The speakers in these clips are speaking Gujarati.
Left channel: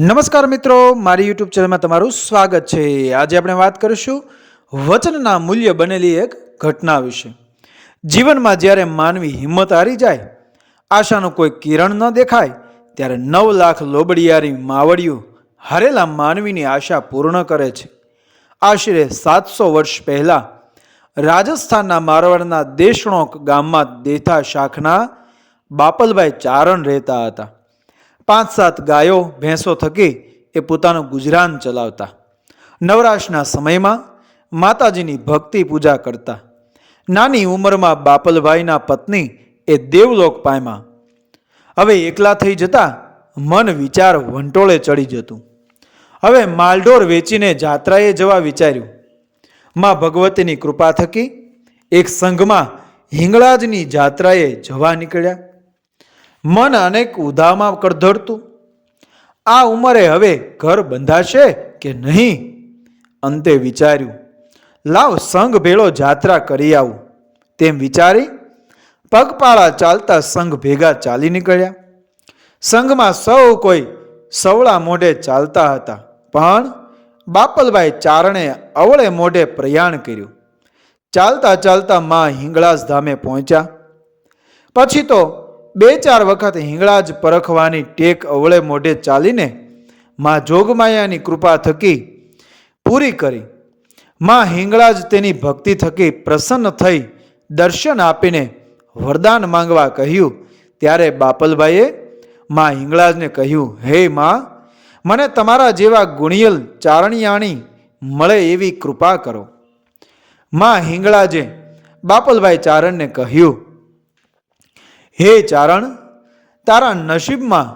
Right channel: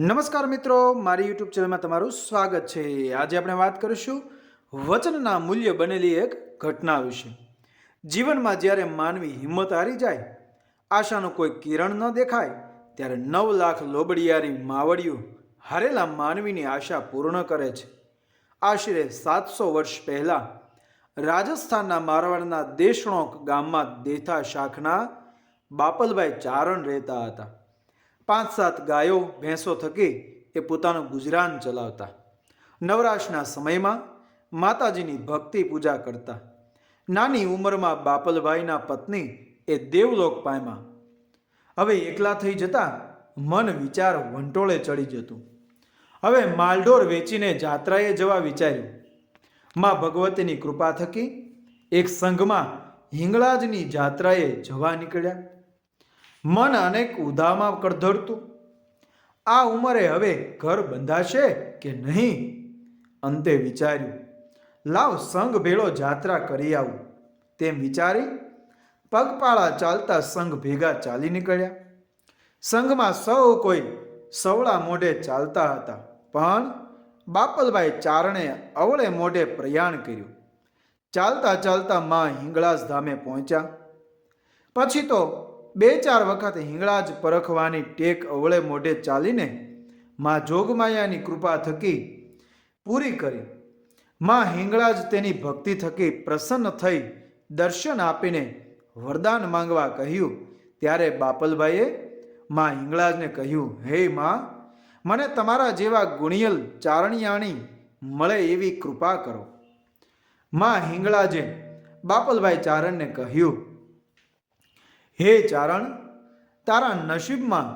નમસ્કાર મિત્રો, મારી યુટ્યુબ ચેનલમાં તમારું સ્વાગત છે. આજે આપણે વાત કરીશું વચનના મૂલ્ય બનેલી એક ઘટના વિશે. જીવનમાં જ્યારે માનવી હિંમત હારી જાય, આશાનું કોઈ કિરણ ન દેખાય, ત્યારે નવ લાખ લોબડિયારી માવડિયું હારેલા માનવીની આશા પૂર્ણ કરે છે. આશરે સાતસો વર્ષ પહેલાં રાજસ્થાનના મારવાડના દેશણોક ગામમાં દેથા શાખના બાપલભાઈ ચારણ રહેતા હતા. પાંચ સાત ગાયો, ભેંસો થકી એ પોતાનું ગુજરાન ચલાવતા. નવરાશના સમયમાં માતાજીની ભક્તિ પૂજા કરતા. નાની ઉંમરમાં બાપલભાઈના પત્ની એ દેવલોક પામ્યા. હવે એકલા થઈ જતા મન વિચાર વંટોળે ચડી જતું. હવે માલઢોર વેચીને જાત્રાએ જવા વિચાર્યું. માં ભગવતીની કૃપા થકી એક સંઘમાં હિંગળાજની જાત્રાએ જવા નીકળ્યા. મન અનેક ઉધામાં કડધડતું. આ ઉંમરે હવે ઘર બંધાશે કે નહીં? અંતે વિચાર્યું, લાવ સંઘ ભેળો જાત્રા કરી આવું. તેમ વિચારી પગપાળા ચાલતા સંઘ ભેગા ચાલી નીકળ્યા. સંઘમાં સૌ કોઈ સવળા મોઢે ચાલતા હતા, પણ બાપલભાઈ ચારણે અવળે મોઢે પ્રયાણ કર્યું. ચાલતા ચાલતા મા હિંગળાસ ધામે પહોંચ્યા. પછી તો બે ચાર વખત હિંગળાજ પરખવાની ટેક અવળે મોઢે ચાલીને માં જોગમાયાની કૃપા થકી પૂરી કરી. માં હિંગળાજ તેની ભક્તિ થકી પ્રસન્ન થઈ દર્શન આપીને વરદાન માંગવા કહ્યું. ત્યારે બાપલભાઈએ માં હિંગળાજને કહ્યું, હે માં, મને તમારા જેવા ગુણિયલ ચારણિયાણી મળે એવી કૃપા કરો. માં હિંગળાજે બાપલભાઈ ચારણને કહ્યું હે ચારણ, તારા નસીબમાં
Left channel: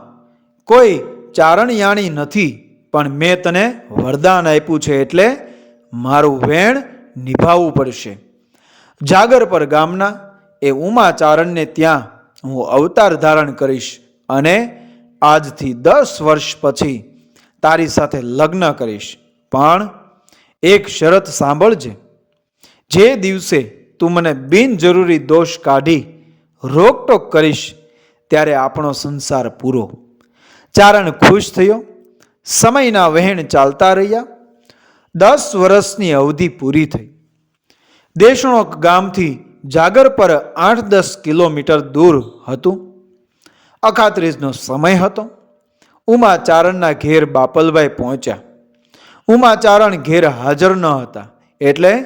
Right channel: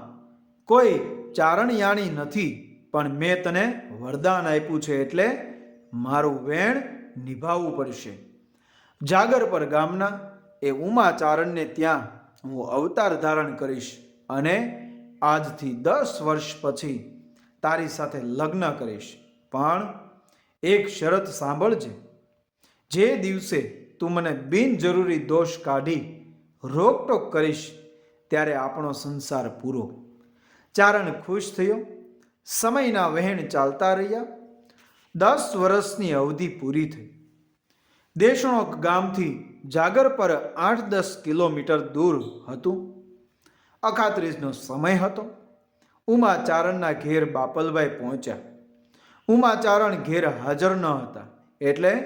કોઈ ચારણયાણી નથી, પણ મેં તને વરદાન આપ્યું છે એટલે મારું વેણ નિભાવવું પડશે. જાગરપર ગામના એ ઉમા ચારણને ત્યાં હું અવતાર ધારણ કરીશ અને આજથી દસ વર્ષ પછી તારી સાથે લગ્ન કરીશ. પણ એક શરત સાંભળજે, જે દિવસે તું મને બિનજરૂરી દોષ કાઢી રોકટોક કરીશ, ત્યારે આપણો સંસાર પૂરો. ચારણ ખુશ થયો, સમયના વહેણ ચાલતા રહ્યા, દસ વર્ષની અવધિ પૂરી થઈ. દેશણોક ગામથી જાગર પર આઠ દસ કિલોમીટર દૂર હતું. અખાત્રીજનો સમય હતો. ઉમાચારણના ઘેર બાપલભાઈ પહોંચ્યા. ઉમાચારણ ઘેર હાજર ન હતા, એટલે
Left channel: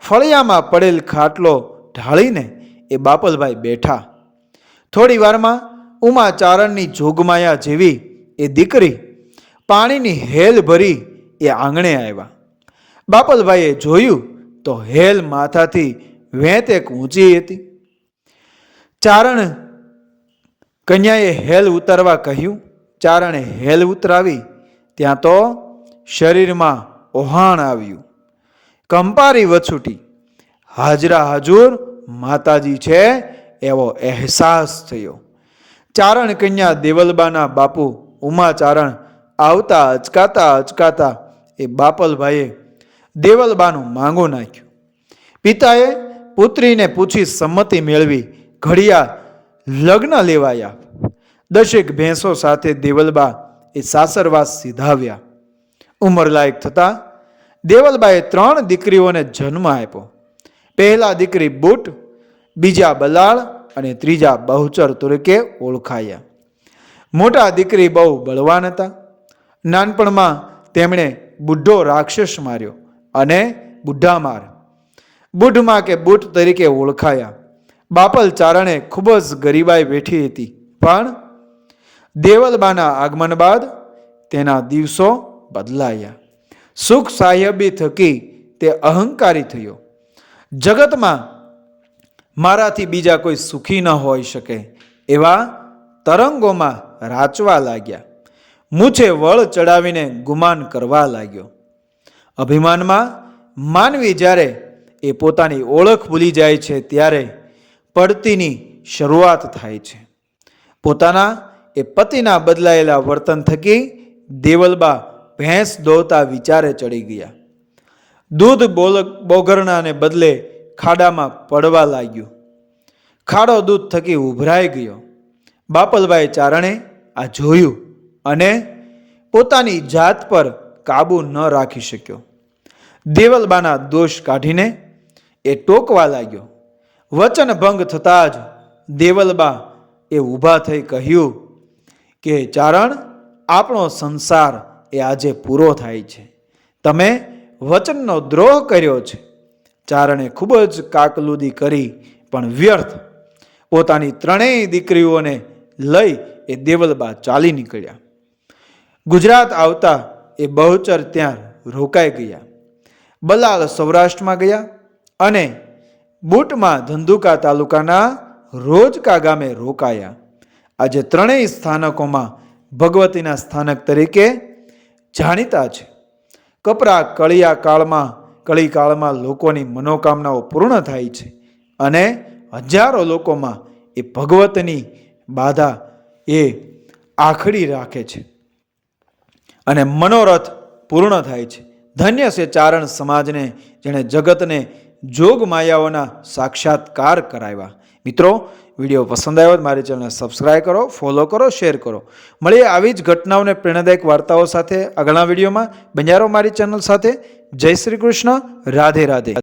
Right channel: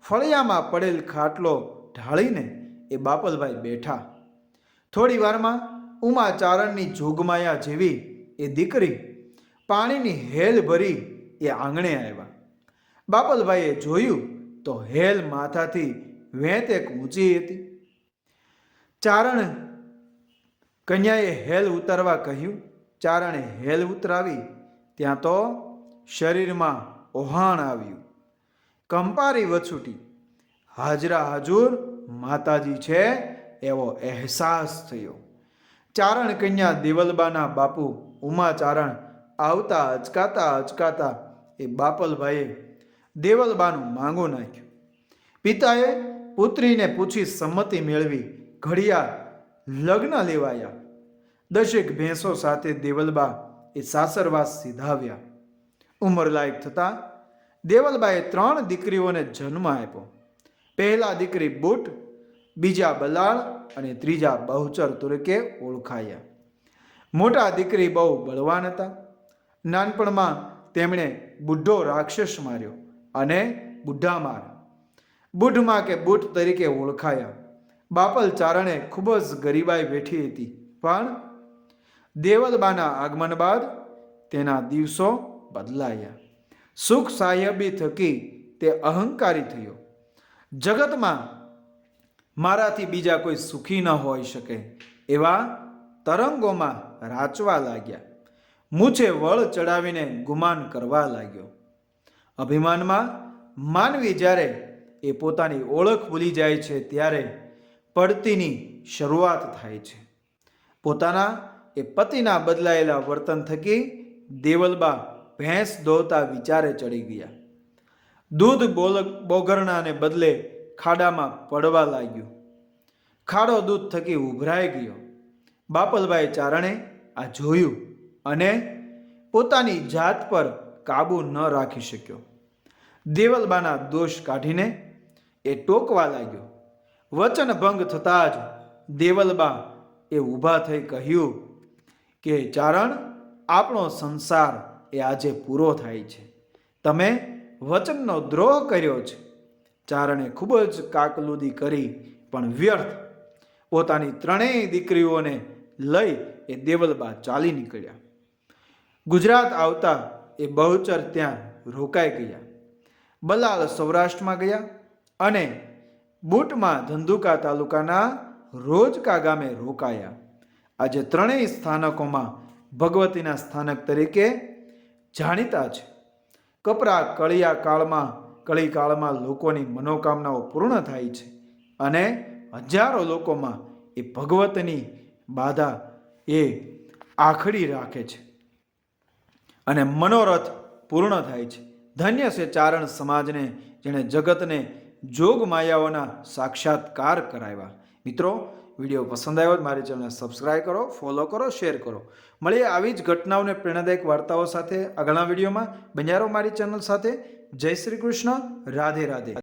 ફળિયામાં પડેલ ખાટલો ઢાળીને એ બાપલભાઈ બેઠા. થોડી વારમાં ઉમાચારણની જોગમાયા જેવી એ દીકરી પાણીની હેલ ભરી એ આંગણે આવ્યા. બાપલભાઈએ જોયું તો હેલ માથાથી વેંત એક ઊંચી હતી. ચારણ કન્યાએ હેલ ઉતારવા કહ્યું. ચારણે હેલ ઉતરાવી. ત્યાં તો શરીરમાં ઓહાણ આવ્યું. કંપારી વછૂટી. હાજરા હાજુર માતાજી છે, એવો અહેસાસ થયો. ચારણ કન્યા દેવલબાના બાપુ ઉમાચારણ આવતા અચકાતા અચકાતા એ બાપલભાઈએ દેવલબાનું માંગો નાખ્યું. પિતાએ પુત્રીને પૂછી સંમતિ મેળવી, ઘડિયા લગ્ન લેવાયા. દશેક ભેંસો સાથે દેવલબા એ સાસરવાસ સીધાવ્યા. ઉંમરલાયક થતાં દેવલબાએ ત્રણ દીકરીઓને જન્મ આપ્યો. પહેલા દીકરી બુટ, બીજા બલાળ અને ત્રીજા બહુચર તરીકે ઓળખાયા. મોટા દીકરી બહુ બળવાન હતા. નાનપણમાં તેમણે બુઢો રાક્ષસ માર્યો અને બુઢા માર. બુઢમાં કે બુટ તરીકે ઓળખાયા. બાપલ ચારણે ખૂબ જ ગરીબાઈ બેઠી હતી. પણ દેવલબાના આગમન બાદ તેના દિવસો બદલાયા. સુખ સાહેબી થકી તે અહંકારી થયો. જગતમાં મારાથી બીજા કોઈ સુખી ન હોઈ શકે એવા તરંગોમાં રાચવા લાગ્યા. મૂછે વળ ચડાવીને ગુમાન કરવા લાગ્યો. અભિમાનમાં માનવી જ્યારે એ પોતાની ઓળખ ભૂલી જાય છે ત્યારે પડતીની શરૂઆત થાય છે. પોતાના એ પતિના બદલાયેલા વર્તન થકી દેવલબા ભેંસ દોતા વિચારે ચડી ગયા. દૂધ બોલ, બોગરણાને બદલે ખાડામાં પડવા લાગ્યું. ખાડો દૂધ થકી ઉભરાઈ ગયો. બાપલભાઈ ચારણે આ જોયું અને પોતાની જાત પર કાબૂ ન રાખી શક્યો. દેવલબાના દોષ કાઢીને એ ટોકવા લાગ્યો. વચન ભંગ થતાં જ દેવલબા એ ઊભા થઈ કહ્યું કે, ચારણ, આપણો સંસાર એ આજે પૂરો થાય છે. તમે વચનનો દ્રોહ કર્યો છે. ચારણે ખૂબ જ કાકલુદી કરી, પણ વ્યર્થ. પોતાની ત્રણેય દીકરીઓને લઈ એ દેવલબા ચાલી નીકળ્યા. ગુજરાત આવતા એ બહુચર ત્યાં રોકાઈ ગયા. બલાલ સૌરાષ્ટ્રમાં ગયા અને બુટમાં ધંધુકા તાલુકાના રોજકા ગામે રોકાયા. આજે ત્રણેય સ્થાનકોમાં ભગવતીના સ્થાનક તરીકે જાણીતા છે. કપરા કળિયા કાળમાં કળી કાળમાં લોકોની મનોકામનાઓ પૂર્ણ થાય છે અને હજારો લોકોમાં એ ભગવતની બાધા એ આખડી રાખે છે અને મનોરથ પૂર્ણ થાય છે. ધન્ય છે ચારણ સમાજને જેણે જગતને જોગ માયાઓના સાક્ષાત્કાર કરાવ્યા. મિત્રો, વીડિયો પસંદ આવ્યો મારી ચેનલને સબસ્ક્રાઈબ કરો ફોલો કરો શેર કરો. મળીએ આવી જ ઘટનાઓને પ્રેરણાદાયક વાર્તાઓ સાથે આગળના વિડીયોમાં. બંજારો મારી ચેનલ સાથે. જય શ્રી કૃષ્ણ. રાધે રાધે.